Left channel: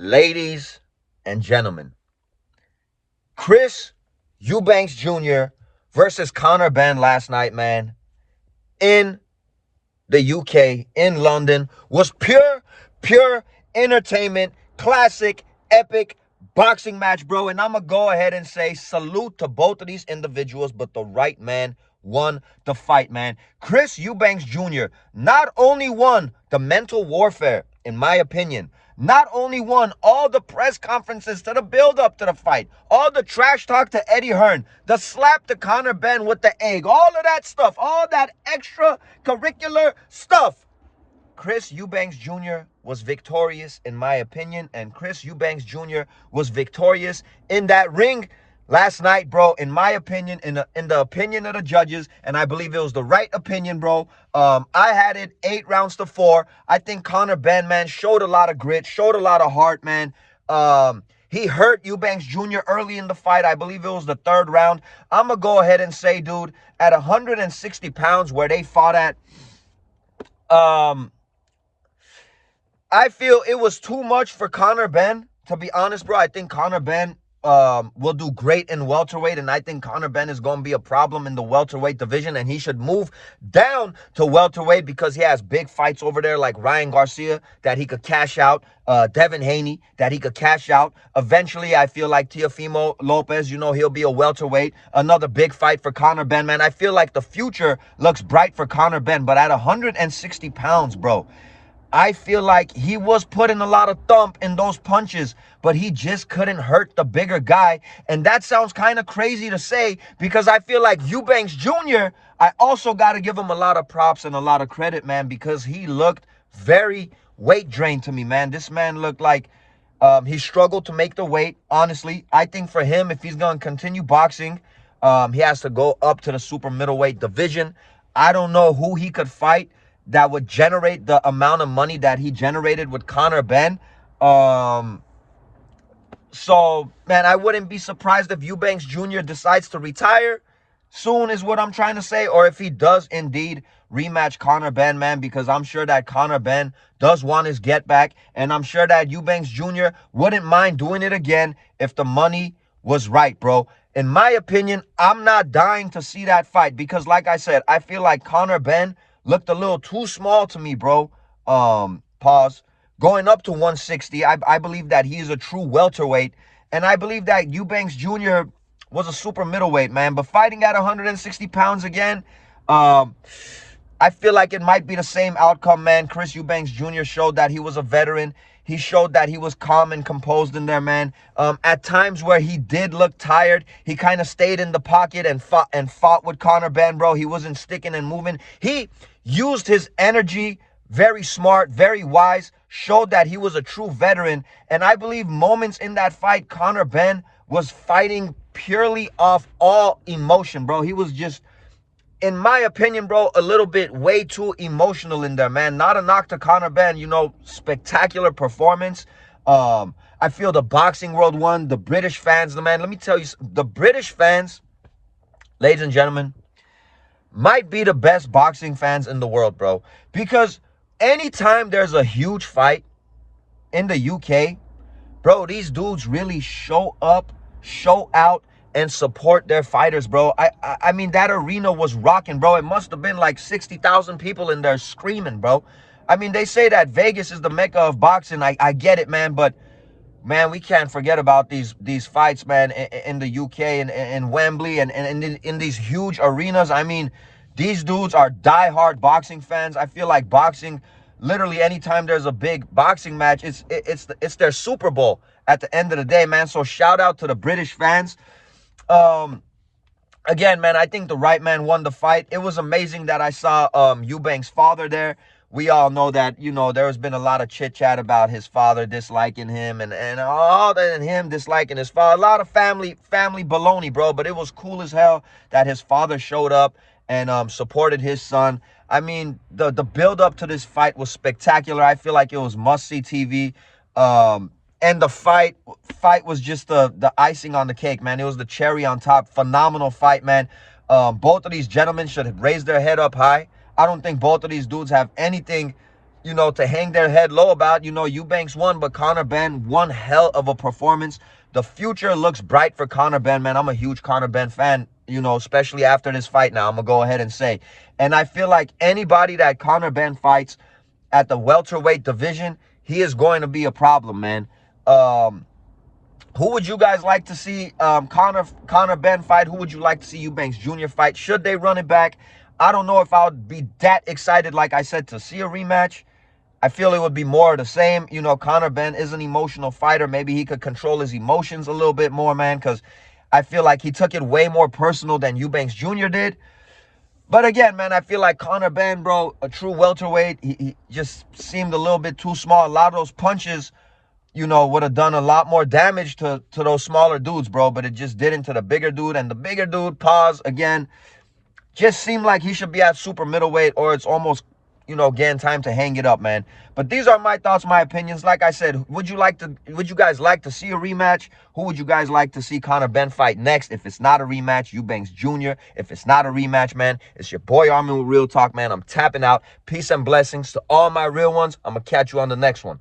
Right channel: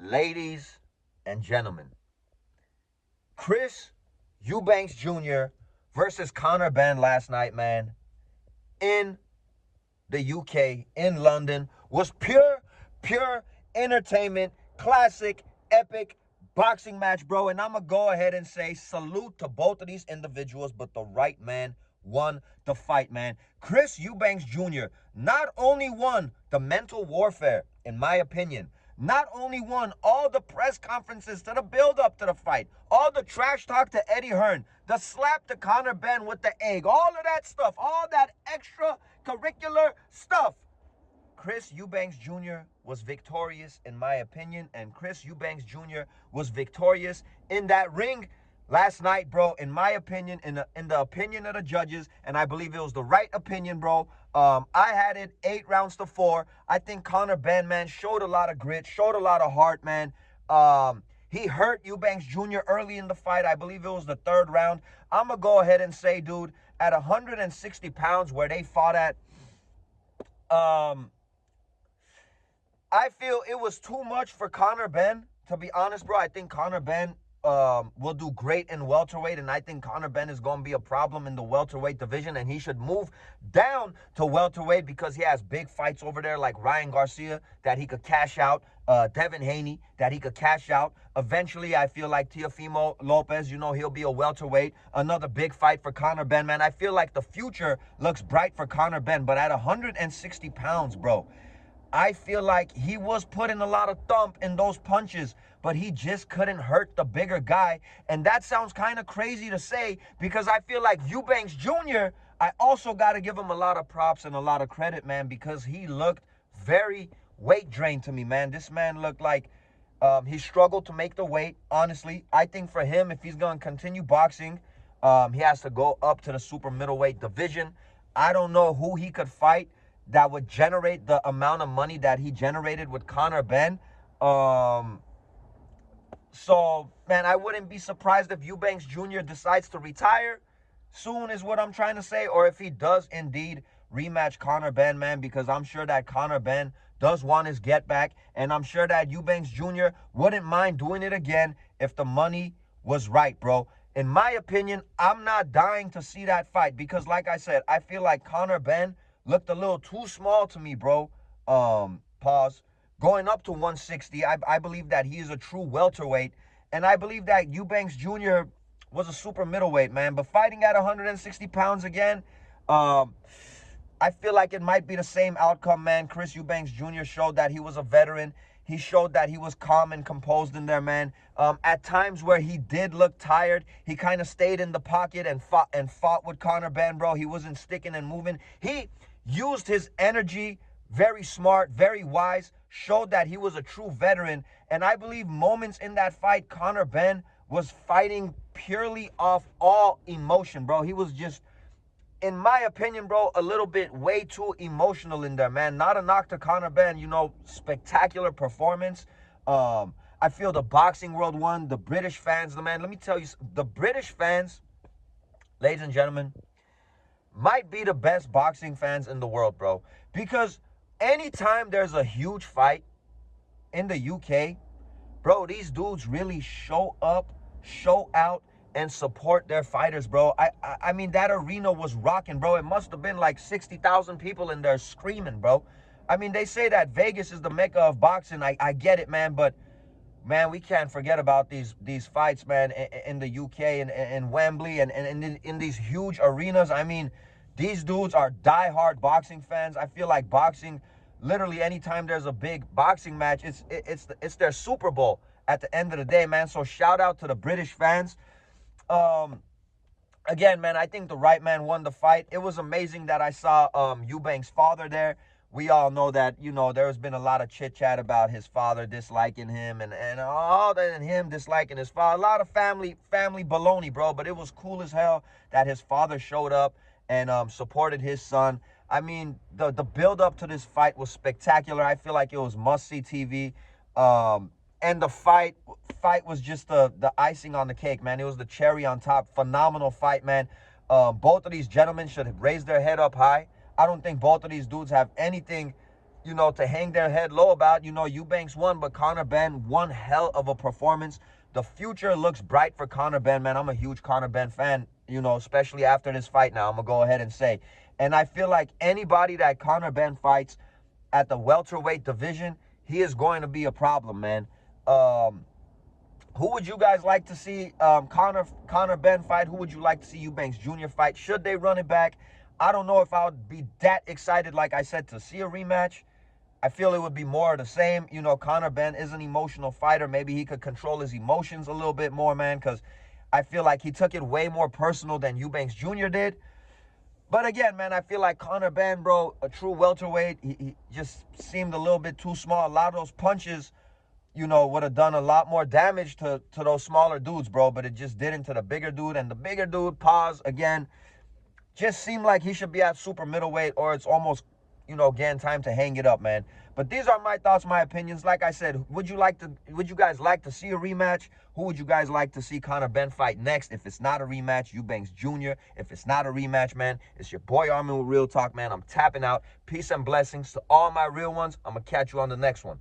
Ladies and gentlemen, Chris Eubanks Jr. versus Conor Benn last night, man, in the UK, in London, was pure entertainment, classic, epic boxing match, bro. And I'm going to go ahead and say salute to both of these individuals, but the right man won the fight, man. Chris Eubanks Jr. not only won the mental warfare, in my opinion, not only won all the press conferences to the build-up to the fight, all the trash talk to Eddie Hearn, the slap to Conor Benn with the egg, all of that stuff, all that extracurricular stuff. Chris Eubanks Jr. was victorious, in my opinion, and Chris Eubanks Jr. was victorious in that ring last night, bro, in my opinion, in the opinion of the judges, and I believe it was the right opinion, bro. I had it 8 rounds to 4. I think Conor Benn, man, showed a lot of grit, showed a lot of heart, man. He hurt Eubanks Jr. early in the fight. I believe it was the 3rd round. I'm going to go ahead and say, dude, at 160 pounds where they fought at, I feel it was too much for Conor Benn, to be honest, bro. I think Conor Benn will do great in welterweight, and I think Conor Benn is going to be a problem in the welterweight division, and he should move down to welterweight because he has big fights over there like Ryan Garcia that he could cash out, Devin Haney that he could cash out. Eventually, I feel like Teofimo Lopez, he'll be a welterweight. Another big fight for Conor Benn, man. I feel like the future looks bright for Conor Benn, but at 160 pounds, bro, I feel like he was putting a lot of thump in those punches, but he just couldn't hurt the bigger guy. And that sounds kind of crazy to say because I feel like Eubanks Jr., I also got to give him a lot of props and a lot of credit, man, because he looked very weight drained to me, man. This man looked like he struggled to make the weight, honestly. I think for him, if he's going to continue boxing, he has to go up to the super middleweight division. I don't know who he could fight that would generate the amount of money that he generated with Conor Benn. So, man, I wouldn't be surprised if Eubanks Jr. decides to retire soon is what I'm trying to say, or if he does indeed rematch Conor Benn, man, because I'm sure that Conor Benn does want his get back, and I'm sure that Eubanks Jr. wouldn't mind doing it again if the money was right, bro. In my opinion, I'm not dying to see that fight because, like I said, I feel like Conor Benn looked a little too small to me, bro. Pause. Going up to 160, I believe that he is a true welterweight, and I believe that Eubanks Jr. was a super middleweight, man. But fighting at 160 pounds again, I feel like it might be the same outcome, man. Chris Eubanks Jr. showed that he was a veteran. He showed that he was calm and composed in there, man. At times where he did look tired, he kind of stayed in the pocket and fought with Conor Benn, bro. He wasn't sticking and moving. He used his energy very smart, very wise, showed that he was a true veteran. And I believe moments in that fight, Conor Benn was fighting purely off all emotion, bro. He was just, in my opinion, bro, a little bit way too emotional in there, man. Not a knock to Conor Benn, spectacular performance. I feel the boxing world won. The British fans, man, let me tell you, the British fans, ladies and gentlemen, might be the best boxing fans in the world, bro. Because anytime there's a huge fight in the UK, bro, these dudes really show up, show out, and support their fighters, bro. I mean, that arena was rocking, bro. It must have been like 60,000 people in there screaming, bro. I mean, they say that Vegas is the mecca of boxing. I get it, man, but man, we can't forget about these fights, man, in the UK and in Wembley and in these huge arenas. I mean, these dudes are diehard boxing fans. I feel like boxing, literally anytime there's a big boxing match, it's their Super Bowl at the end of the day, man. So shout out to the British fans. Again, man, I think the right man won the fight. It was amazing that I saw Eubanks' father there. We all know that, there's been a lot of chit-chat about his father disliking him and all that, and him disliking his father. A lot of family baloney, bro. But it was cool as hell that his father showed up and supported his son. I mean, the build-up to this fight was spectacular. I feel like it was must-see TV. And the fight was just the icing on the cake, man. It was the cherry on top. Phenomenal fight, man. Both of these gentlemen should raise their head up high. I don't think both of these dudes have anything, to hang their head low about. Eubanks won, but Conor Benn, one hell of a performance. The future looks bright for Conor Benn, man. I'm a huge Conor Benn fan, especially after this fight now, I'm going to go ahead and say. And I feel like anybody that Conor Benn fights at the welterweight division, he is going to be a problem, man. Who would you guys like to see Conor Benn fight? Who would you like to see Eubanks Jr. fight? Should they run it back? I don't know if I would be that excited, like I said, to see a rematch. I feel it would be more of the same. Conor Benn is an emotional fighter. Maybe he could control his emotions a little bit more, man, because I feel like he took it way more personal than Eubanks Jr. did. But again, man, I feel like Conor Benn, bro, a true welterweight, he just seemed a little bit too small. A lot of those punches, would have done a lot more damage to those smaller dudes, bro, but it just didn't to the bigger dude. And the bigger dude, again, just seemed like he should be at super middleweight, or it's almost, getting time to hang it up, man. But these are my thoughts, my opinions. Like I said, would you guys like to see a rematch? Who would you guys like to see Conor Benn fight next? If it's not a rematch, Eubanks Jr. If it's not a rematch, man, it's your boy Armin with Real Talk, man. I'm tapping out. Peace and blessings to all my real ones. I'm going to catch you on the next one.